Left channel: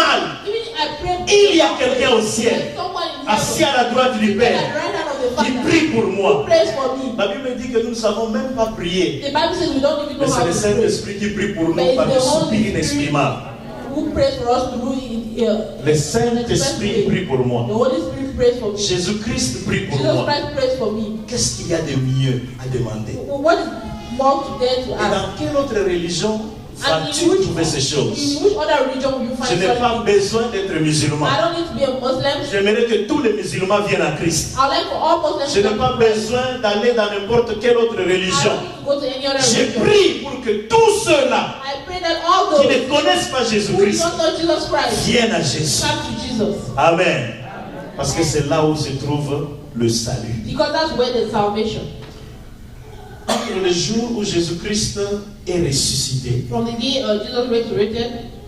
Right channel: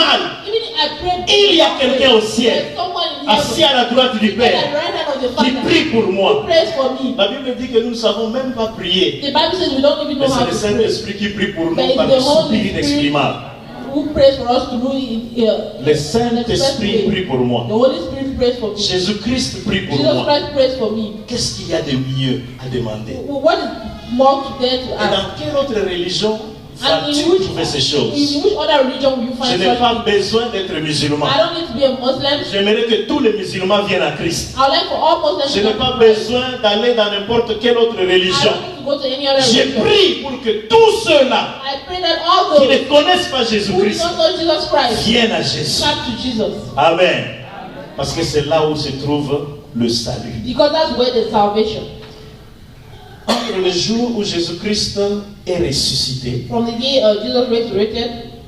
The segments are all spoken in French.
mal, il y a quelqu'un au ciel, assis à la droite du Père, qui prie pour moi. La Bible dit que nous ne savons même pas prier. Mais c'est le Saint-Esprit qui prie pour nous par le soupir inexprimable. Le Saint-Esprit prie pour moi. Jésus-Christ prie pour moi. Qu'est-ce qu'il y a de mieux à demander? Et dans quelle autre religion vas-tu trouver ces choses? Je n'ai pas besoin d'être musulman. J'aimerais que tous les musulmans viennent à Christ. Je n'ai pas besoin d'aller dans n'importe quelle autre religion. Je prie pour que tous ceux-là qui ne connaissent pas Jésus-Christ viennent à Jésus. Amen. Parce que c'est là où se trouve le salut. Entre le jour où Jésus-Christ est ressuscité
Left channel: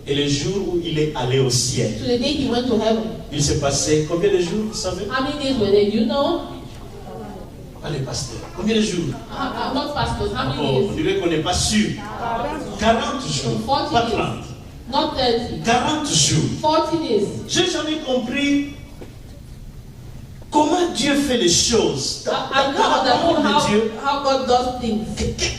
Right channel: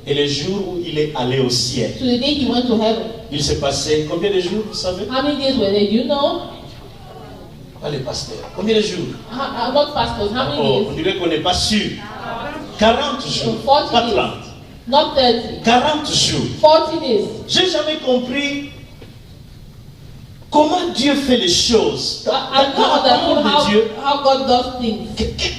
et le jour où il est allé au ciel, il s'est passé combien de jours, vous savez? Pas les pasteurs. Combien de jours? On dirait qu'on n'est pas sûr. 40 jours. Pas 30. 40 jours. 40 days. J'ai jamais compris comment Dieu fait les choses. How God does things.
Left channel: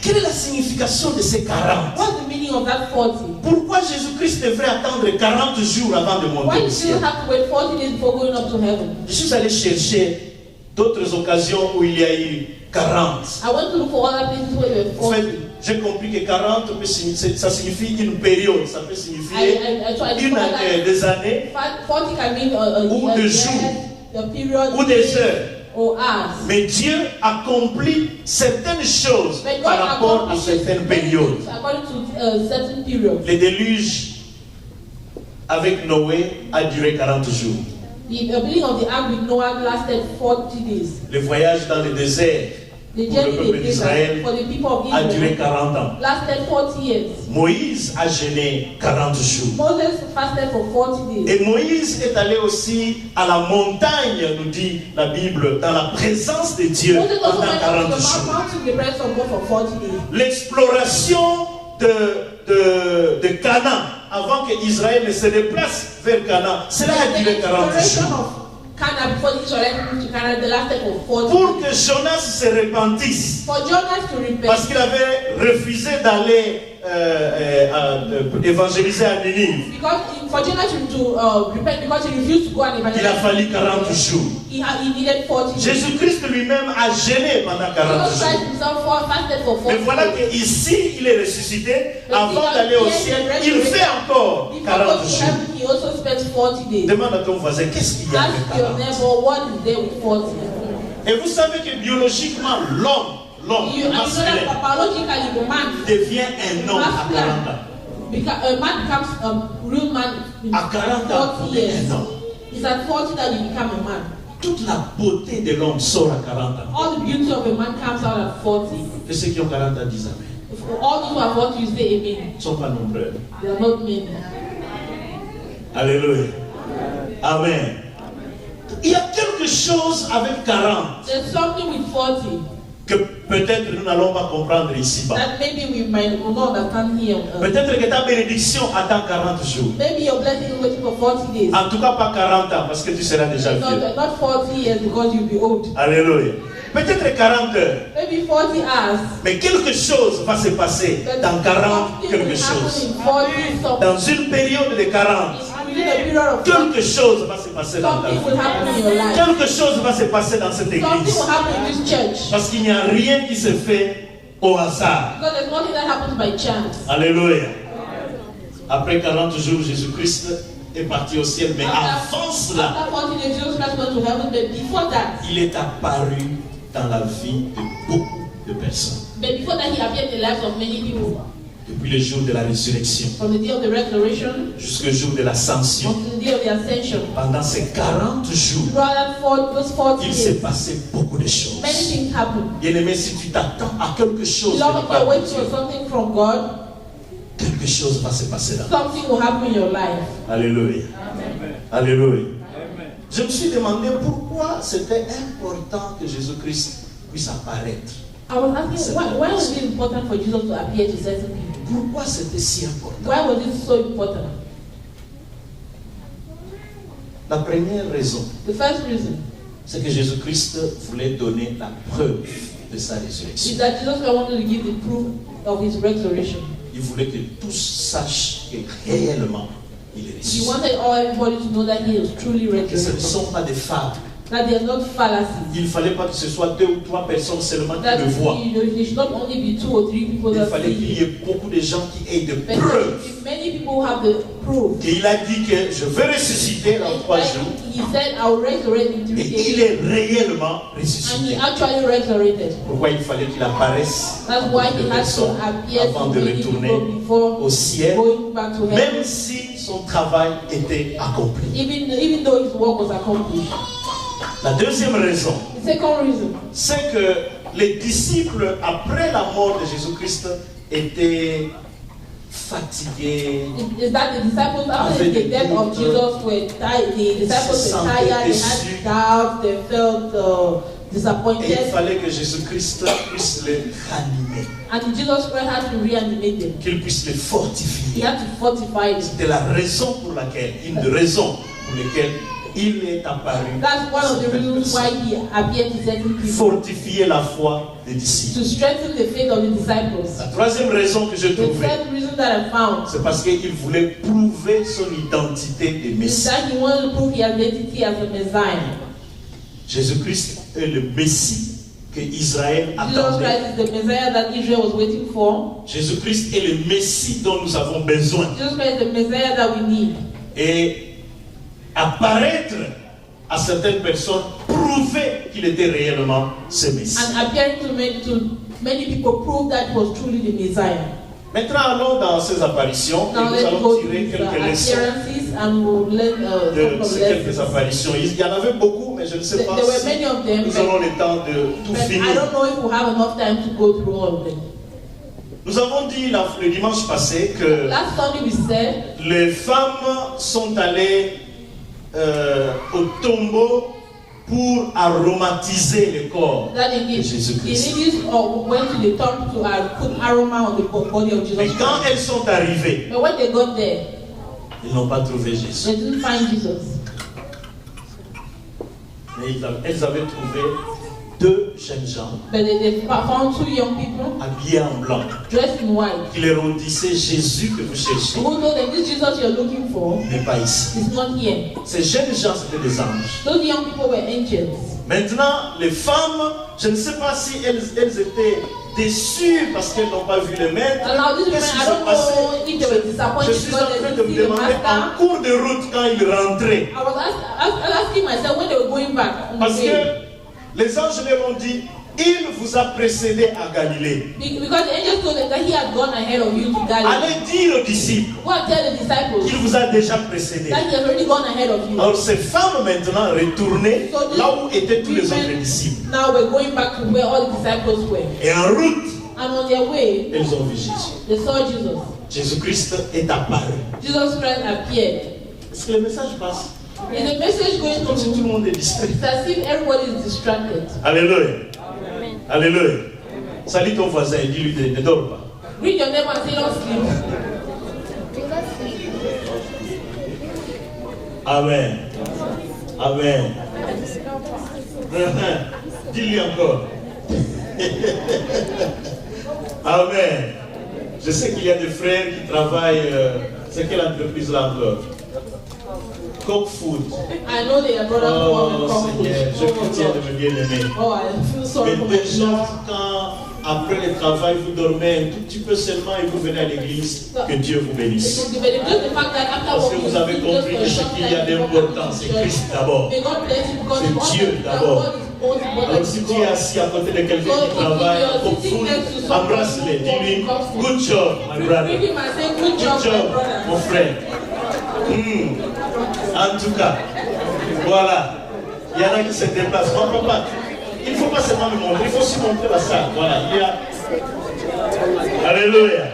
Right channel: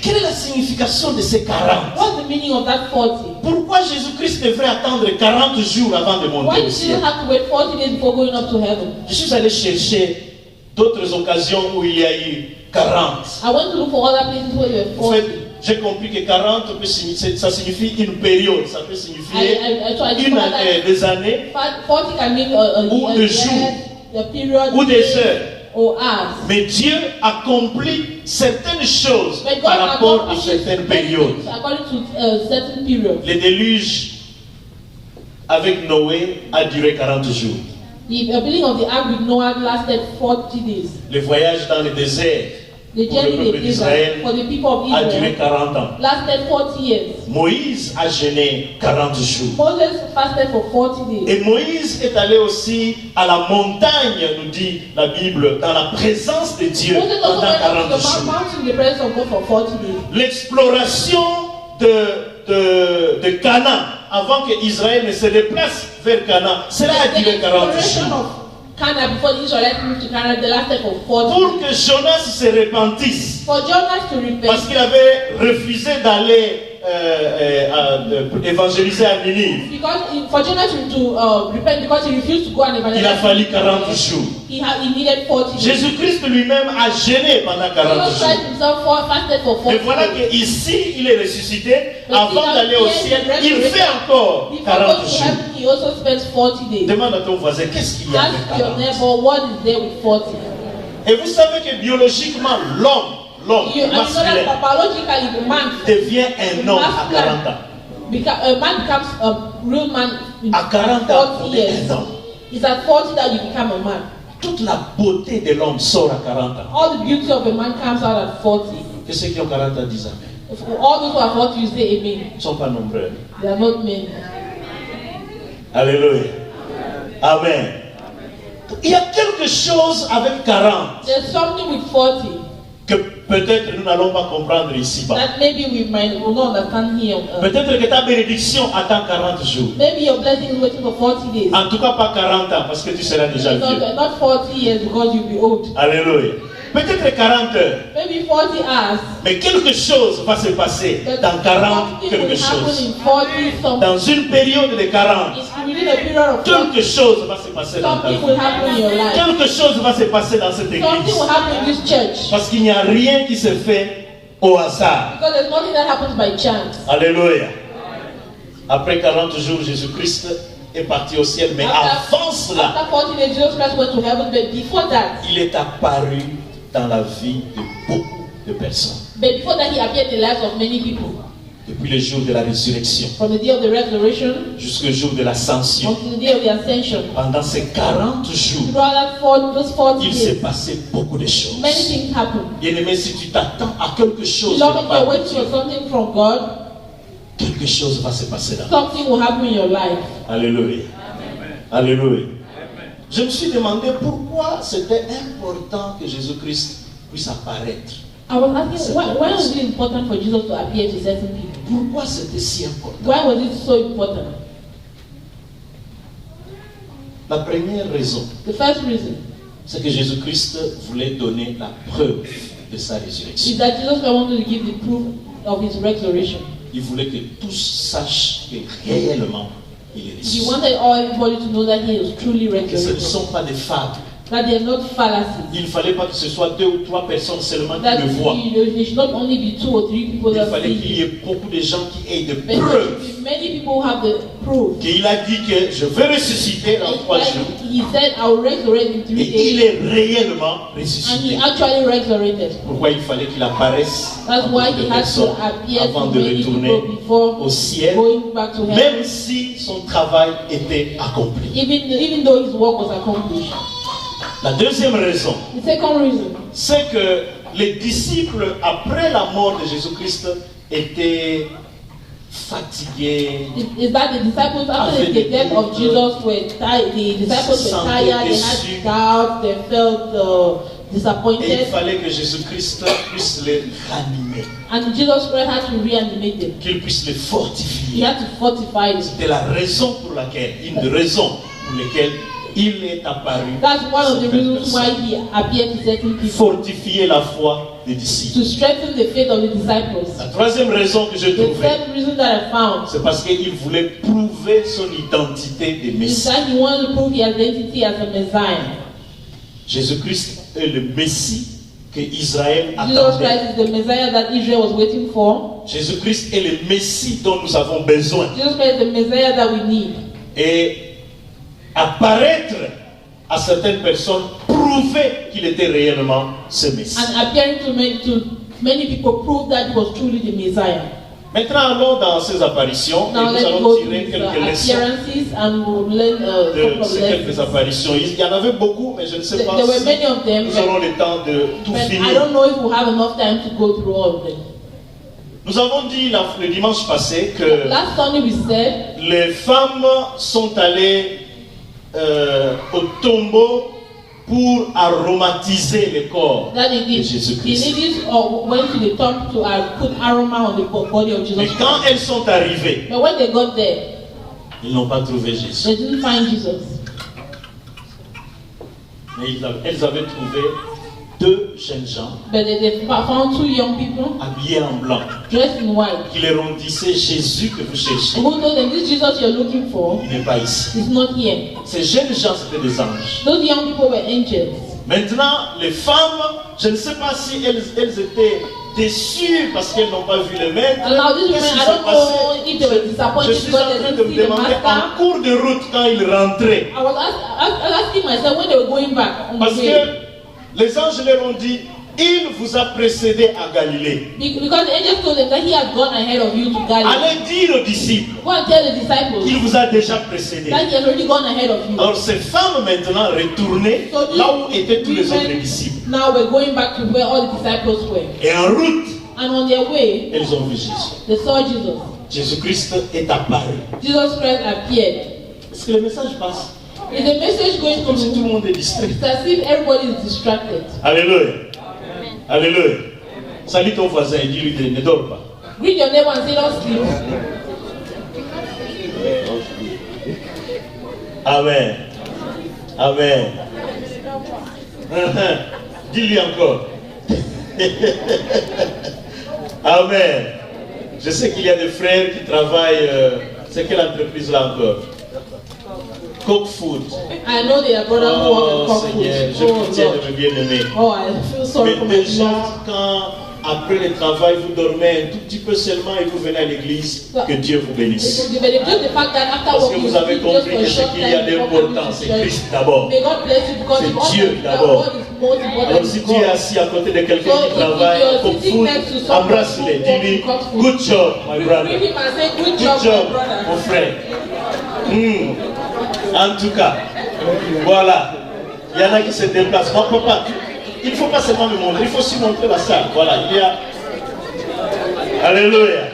Quelle est la signification de ces 40? What's the meaning of that 40? Pourquoi Jésus-Christ devrait attendre 40 jours avant de monter Why au do ciel? you have to wait 40 days before going up to heaven? Je suis allé chercher d'autres occasions où il y a eu 40. I went to look for other places where there En were 40. fait, j'ai compris que 40 ça signifie une période, ça peut signifier des années 40 can mean ou a des year, jours a period, ou des heures. or hours. Mais Dieu accomplit certaines choses But God par rapport à accomplished certaines many périodes. things according to certain periods. Le déluge avec Noé a duré 40 jours. The building of the ark with Noah lasted 40 days. Le voyage dans le désert The pour le journey peuple they did d'Israël for the people of a duré Israel 40 ans. lasted 40 years. Moïse a jeûné 40 jours. Moses fasted for 40 days. Et Moïse est allé aussi à la montagne, nous dit la Bible, dans la présence de Dieu Moses also pendant went up 40 to the jours. mountain in the presence of God for 40 days. L'exploration de Canaan, avant que Israël ne se déplace vers Canaan, cela a duré 40 jours. Canaan before Israel moved to Canaan, they lasted for 40 Pour days. que Jonas se repentisse, For Jonas to repent, parce qu'il avait refusé d'aller évangéliser à Ninive, for Jonas to repent because he refused to go and il a evangelize. fallu 40 jours. He needed 40 days. Jésus-Christ lui-même a jeûné pendant 40 Jesus jours. Christ himself fasted for 40 Mais voilà days. qu'ici, il est ressuscité. Avant d'aller au ciel, il fait encore Before 40 going to jours. heaven, he also spends 40 days. Demande à ton voisin, qu'est-ce qu'il y a Ask avec your 40? neighbor, what is there with 40? Et vous savez que biologiquement, l'homme You know masculin that biologically the man devient un homme à 40 ans. a man becomes a real man in À 40 ans, 40 on est years. un homme. It's at 40 that you become a man. Toute la beauté de l'homme sort à 40 ans. All the beauty of a man comes out at 40. Et ceux qui ont 40 ans disent Amen. For all those who are 40, you say amen. Ils ne sont pas nombreux. They are not many. Alléluia. Amen. Il y a quelque chose avec 40 There's something with 40 que peut-être nous n'allons pas comprendre ici-bas. that maybe we will not understand here on earth. Peut-être que ta bénédiction attend 40 jours. Maybe your blessing is waiting for 40 days. En tout cas, pas 40 ans, parce que tu seras déjà vieux. Not 40 years because you'll be old. Alléluia. Peut-être 40 heures. Maybe 40 hours. Mais quelque chose va se passer dans 40 Something quelque will happen chose. in 40 something. Dans une période de 40, Within a period of 40, quelque chose va se passer dans ta something will vie. happen in your life. Quelque chose va se passer dans cette Something église. will happen in this church. Parce qu'il n'y a rien qui se fait au hasard. Because there's nothing that happens by chance. Alléluia. Après 40 jours, Jésus-Christ est parti au ciel. Mais avant cela, After 40 days, Jesus Christ went to heaven. But before that, il est apparu dans la vie de beaucoup de personnes. he appeared in the lives of many people. Depuis le jour de la résurrection From the day of the resurrection jusqu'au jour de l'ascension. until the day of the ascension. Pendant ces 40 jours, Throughout those 40 il s'est days, passé beaucoup de choses. many things happened. Bien-aimé, si tu t'attends à quelque chose de la Beloved, if part you're de waiting Dieu, for something from God, quelque chose va se passer dans. something will happen in your life. Alléluia. Alléluia. Je me suis demandé pourquoi c'était important que Jésus-Christ puisse apparaître. I was asking, why was it important for Jesus to appear to certain people? Pourquoi c'était si important? Why was it so important? La première raison, c'est que Jésus-Christ voulait donner la preuve de sa résurrection. Is that Jesus wanted to give the proof of his resurrection. Il voulait que tous sachent que réellement il est ressuscité. He wanted everybody to know that he was truly Que ce ne resurrected. sont pas des fables. That they are not fallacies. Il ne fallait pas que ce soit 2 ou 3 personnes seulement qui le voient. There should not only be 2 or 3 people Il that fallait see qu'il y ait beaucoup de gens qui aient de it. preuves. Many people have the proof. Qu'il a dit que je vais ressusciter dans 3 jours. He said, I will resurrect in 3 Et days. il est réellement And he ressuscité. actually resurrected. Pourquoi il fallait qu'il apparaisse That's why he had to appear avant to de many retourner people before au ciel, going back to heaven. même si son travail était accompli. Even though his work was accomplished. La deuxième raison, The second reason c'est que les disciples, après la mort de Jésus-Christ, étaient fatigués. is that the disciples, after the death of Jesus, were tired. The disciples were tired, they had doubt, they felt Et disappointed. il fallait que Jésus-Christ puisse les ranimer, And Jesus Christ had to reanimate them. qu'il puisse les He fortifier. had to fortify them. C'était la raison pour laquelle, une des raisons pour lesquelles il est apparu. That's one of the reasons why he appeared to certain people. Fortifier la foi des disciples. To strengthen the faith of the disciples. La troisième raison que j'ai The trouvée, third reason that I found c'est parce qu'il voulait prouver son identité de is Messie. that he wanted to prove his identity as a Messiah. Jésus-Christ est le Messie que Israël Jesus attendait. Christ is the Messiah that Israel was waiting for. Jésus-Christ est le Messie dont nous avons besoin. Jesus Christ is the Messiah that we need. Et apparaître à certaines personnes prouvait qu'il était réellement ce Messie. And appearing to many people proved that he was truly the Messiah. Maintenant, allons dans ces apparitions et Now nous let's allons go to tirer his quelques leçons appearances and we'll learn de couple of ces quelques lessons. apparitions. Il y en avait beaucoup, mais je ne sais pas There were si many of them, nous aurons le temps de tout but I finir. don't know if we'll have enough time to go through all of them. Nous avons dit le dimanche passé que Last Sunday we said les femmes sont allées au tombeau pour aromatiser le corps that de the Jésus-Christ. ladies went to the tomb to put aroma on the body of Mais Jesus quand Christ. elles sont arrivées, But when they got there, ils n'ont pas trouvé Jésus. they didn't find Jesus. Mais elles avaient trouvé 2 jeunes gens But they found 2 young people habillés en blanc dressed in white. qui leur ont dit c'est Jésus que vous cherchez. Who told them this Jesus you're looking for Il n'est pas ici. is not here. Ces jeunes gens c'était des anges. Those young people were angels. Maintenant, les femmes, je ne sais pas si elles étaient déçues parce qu'elles n'ont pas vu le maître. And now this Qu'est-ce woman, qui I s'est don't passé? know if they were Je disappointed suis en because train they de didn't me see the demander en master. cours de route quand ils rentraient. I was asking myself when they were going back on Parce the way. que les anges leur ont dit, il vous a précédé à Galilée. Because the angel told them that he had gone ahead of you to Galilee. Allez dire aux disciples Go and tell the disciples qu'il vous a déjà précédé. that he has already gone ahead of you. Alors ces femmes maintenant retournées So these là où étaient tous les autres women disciples. now we're going back to where all the disciples were. Et en route, And on their way, elles ont vu Jésus. they saw Jesus. Jésus-Christ est apparu. Jesus Christ appeared. Est-ce que le message passe? Is the message going Comme si tout le to monde est distrait. It's as if everybody is distracted. Alléluia. Alléluia. Salut ton voisin et dis-lui ne dors pas. Greet your neighbor and say, don't sleep. Amen. Amen. Dis-lui encore. Amen. Je sais qu'il y a des frères qui travaillent. C'est quelle entreprise là encore? Cook Food. I know they are brothers who work in Oh Seigneur, je companies. pitié de me bien-aimé. Oh, I feel sorry Mais for my déjà, people. quand après le travail vous dormez un tout petit peu seulement et vous venez à l'église, que Dieu vous bénisse. But just the fact that after Parce que working, vous avez just compris for a que ce short qu'il y a time, d'important, c'est Christ d'abord. may God bless you because C'est if all Dieu the d'abord. world is most important Alors is si tu es God. assis à côté de quelqu'un So qui if travaille you are au sitting food, next to someone embrasse-le, who dis-lui, cooks food, good job, my brother. greet him and say, good Good job, job, my brother. mon frère. En tout cas, voilà. Il y en a qui se déplacent. Mon papa, il ne faut pas seulement le montrer, il faut aussi montrer la salle. Voilà, il y a. Alléluia.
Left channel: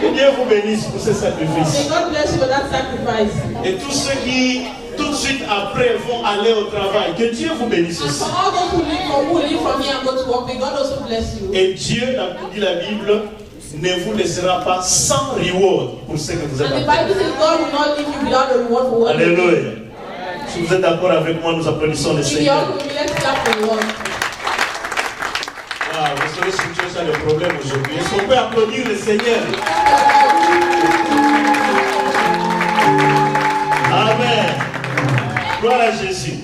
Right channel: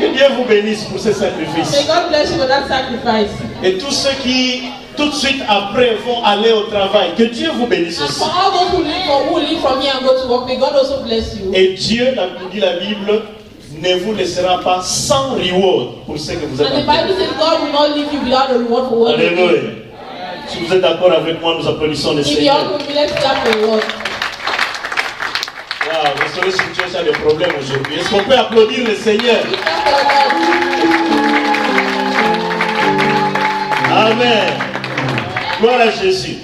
Que Dieu vous bénisse pour ce sacrifice. May God bless you for that sacrifice. Et tous ceux qui, tout de suite après, vont aller au travail, que Dieu vous bénisse And aussi. for all those who leave from here and go to work, may God also bless you. Et Dieu, comme dit la Bible, ne vous laissera pas sans reward pour ce que vous êtes And en the train de Bible says God will not leave you without a reward for what you do. Alléluia. Si vous êtes d'accord avec moi, nous applaudissons le Seigneur. Wow, vous savez si tu as des problèmes aujourd'hui. Est-ce qu'on peut applaudir le Seigneur? Amen. Gloire à Jésus.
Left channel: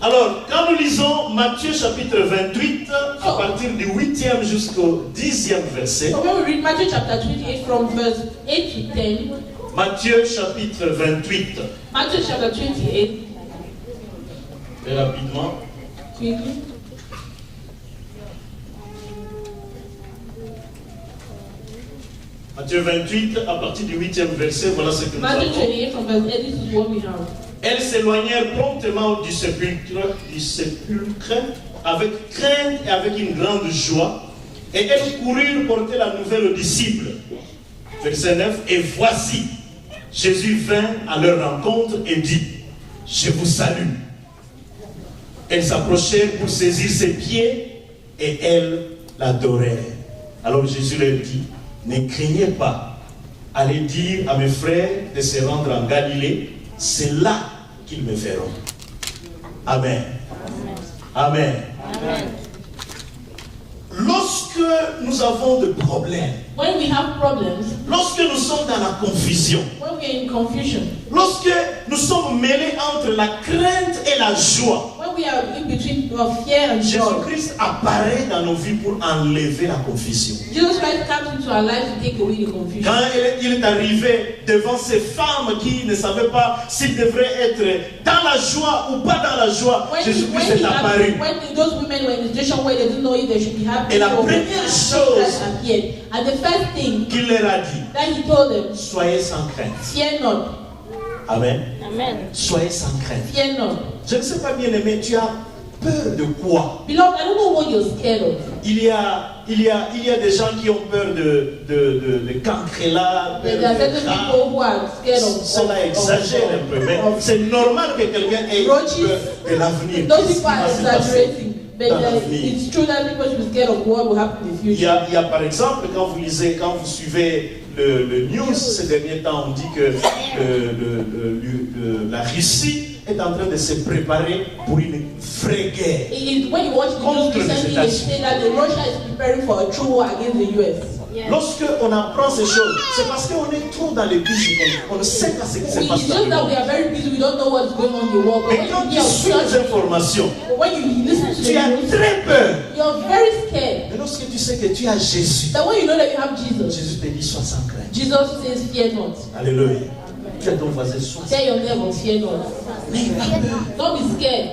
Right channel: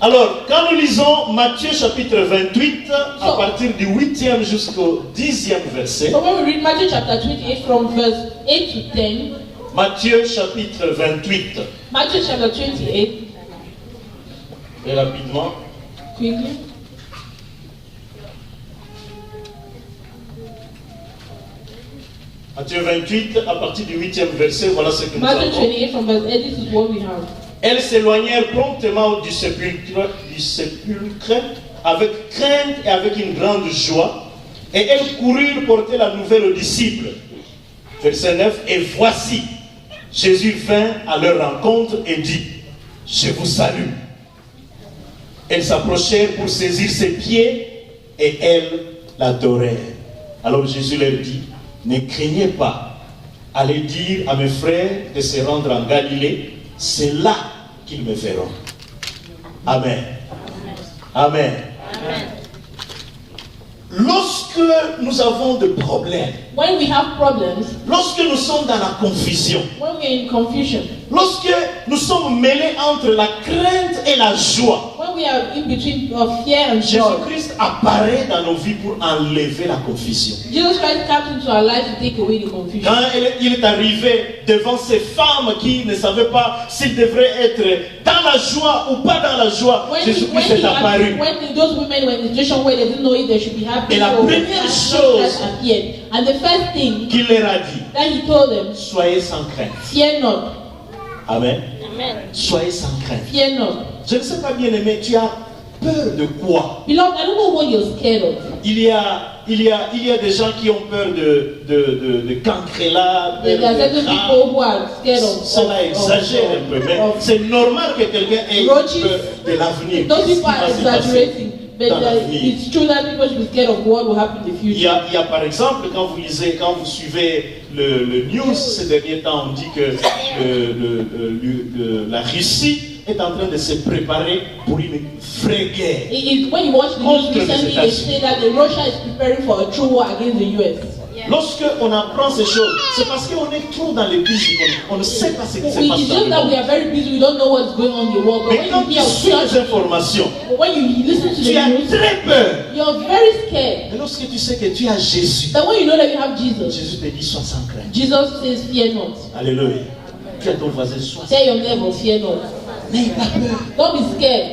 Alors, quand nous lisons Matthieu chapitre 28, à partir du 8e jusqu'au 10e verset. So when we read Matthew chapter 28 from verse 8 to 10. Matthieu chapitre 28. Matthew chapter 28. Et rapidement. Quickly. Matthieu 28, à partir du 8e verset, voilà ce que nous avons. Matthew 28 from verse 8, this is what we have. Elles s'éloignèrent promptement du sépulcre avec crainte et avec une grande joie, et elles coururent porter la nouvelle aux disciples. Verset 9, et voici, Jésus vint à leur rencontre et dit, je vous salue. Elles s'approchèrent pour saisir ses pieds, et elles l'adorèrent. Alors Jésus leur dit, ne craignez pas, allez dire à mes frères de se rendre en Galilée, c'est là qu'ils me verront. Amen. Amen. Amen. Lorsque nous avons des problèmes, when we have problems, lorsque nous sommes dans la confusion, when we are in confusion, lorsque nous sommes mêlés entre la crainte et la joie, when we are in between of fear and joy, Jésus-Christ apparaît dans nos vies pour enlever la confusion. Jesus Christ comes into our life to take away the confusion. Quand il est arrivé devant ces femmes qui ne savaient pas s'ils devraient être dans la joie ou pas dans la joie, Jésus-Christ est apparu. When those women were in the situation where they didn't know if they should be happy, et la première chose and the first thing qu'il leur a dit, that he told them, soyez sans crainte. Fear not. Amen. Amen. Soyez sans crainte. Fear not. Je ne sais pas, bien aimé, tu as peur de quoi? Beloved, I don't know what you're scared of. Il y a des gens qui ont peur de cancrela, cela exagère un peu, mais c'est normal que quelqu'un ait peur de l'avenir. Those people are exaggerating. But it's true that people should be scared of what will happen in the future. Il y a par exemple, quand vous suivez le news ces derniers temps, on dit que la Russie est en train de se préparer pour une vraie guerre. When you watch the news recently, they say that Russia is preparing for a true war against the US. Lorsque on apprend ces choses, c'est parce qu'on est trop dans les busy. On ne sait pas ce qui se passe dans le monde. Mais quand tu suis les informations, tu as très peur. You're very scared. Et lorsque tu sais que tu as Jésus, but when you know that you have Jesus, Jésus te dit sois sans crainte. Jesus says fear not. Alléluia. Dis à ton voisin sois sans crainte. Tell your neighbor fear not. N'aie pas peur. Don't be scared.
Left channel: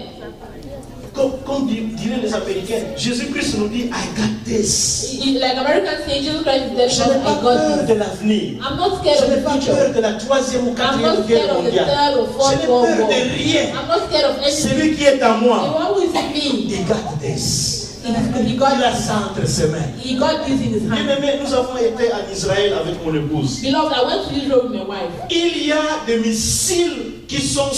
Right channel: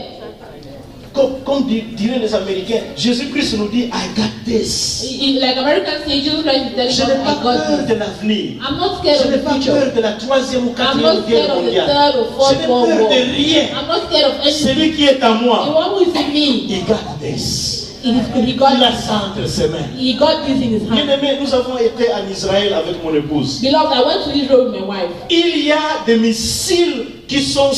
Comme diraient les Américains, Jésus-Christ nous dit, I got this. Like Americans say, Jesus Christ is je n'ai pas peur de l'avenir. I'm not scared of the future. Je n'ai pas peur de la 3e ou 4e guerre mondiale. Je n'ai peur de rien. I'm not scared of anything. Celui qui est à moi, the one who is in me, he got this. He got il a ça entre ses mains. He got this in his hand. Bien-aimés, nous avons été en Israël avec mon épouse. Beloved, I went to Israel with my wife. Il y a des missiles qui sont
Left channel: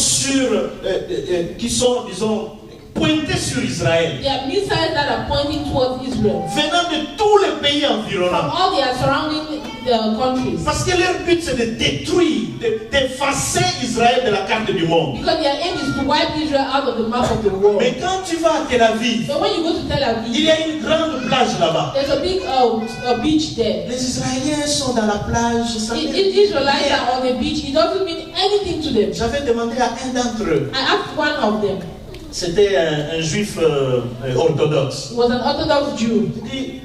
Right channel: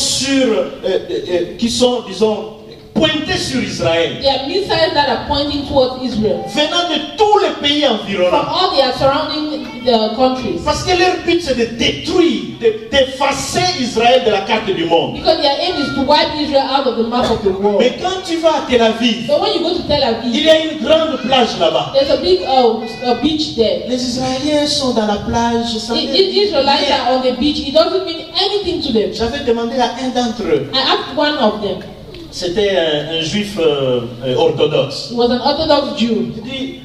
disons, pointés sur Israël. There are missiles that are pointing towards Israel. Venant de tous les pays environnants. From all the surrounding countries. Parce que leur but c'est de détruire, d'effacer Israël de la carte du monde. Because their aim is to wipe Israel out of the map of the world. Mais quand tu vas à Tel Aviv, so when you go to Tel Aviv, il y a une grande plage là-bas. There's a big beach there. Les Israéliens sont dans la plage. The Israelites are on the beach. It doesn't mean anything to them. J'avais demandé à un d'entre eux. I asked one of them. C'était un juif orthodoxe. He was an Orthodox Jew. Il dit,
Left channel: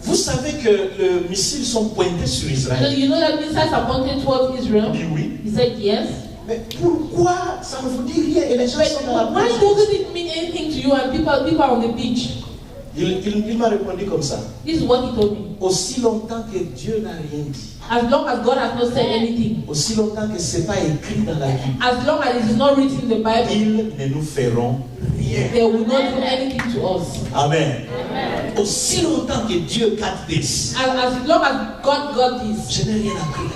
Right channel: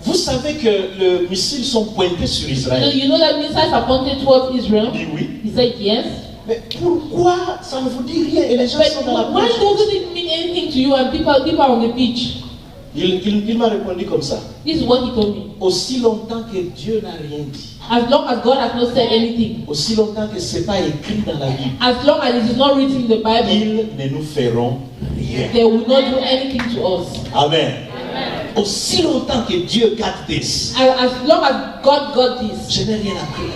vous savez que les missiles sont pointés sur Israël. So you know that missiles are pointed towards Israel? Il dit oui. He said yes. Mais pourquoi ça ne vous dit rien et les gens sont dans la plage? Why doesn't it mean anything to you and people are on the beach? Il m'a répondu comme ça. This is what he told me. Aussi longtemps que Dieu n'a rien dit. As long as God has not said anything. Aussi longtemps que ce n'est pas écrit dans la Bible. As long as it is not written in the Bible. Ils ne nous feront rien. They will not do anything to us. Amen. Amen. aussi longtemps que Dieu garde this, as long as God got this, je n'ai rien à craindre.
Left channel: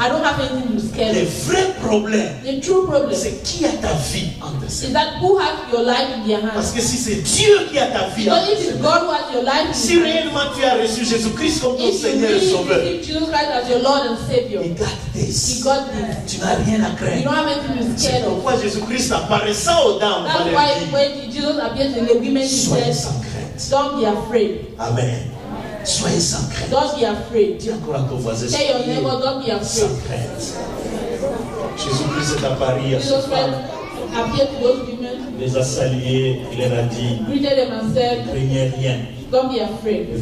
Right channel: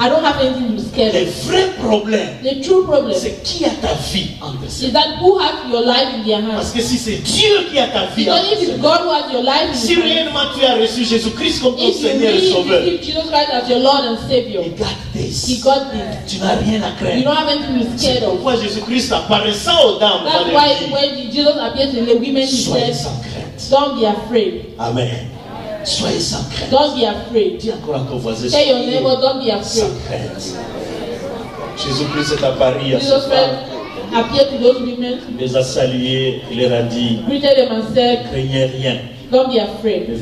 I don't have anything to scare Le you. vrai problème, The true problem c'est qui a ta vie entre ses is mains. that who has your life in their Parce hands. que si c'est Dieu qui a ta vie Because entre if ses it's mains, God who has your life in si his hands, réellement tu as reçu Jésus-Christ comme ton if you Seigneur et really Sauveur, receive Jesus Christ as your Lord and Savior, il garde this. He got this. Tu n'as rien à You craindre. don't have anything to be C'est scared of. pourquoi Jésus-Christ apparaissant aux dames, That's va why leur dire, when Jesus appeared to the women, He soyez said, sans crainte. don't be afraid. Amen. Soyez sans crainte. Don't be afraid. Dis encore à ton voisin, Tell your neighbor, don't be sans afraid. crainte. Jésus-Christ est apparu à Jesus cette Christ femme, appeared to those women, les a salués, il leur a dit, greeted them and said, craignez rien. don't be afraid.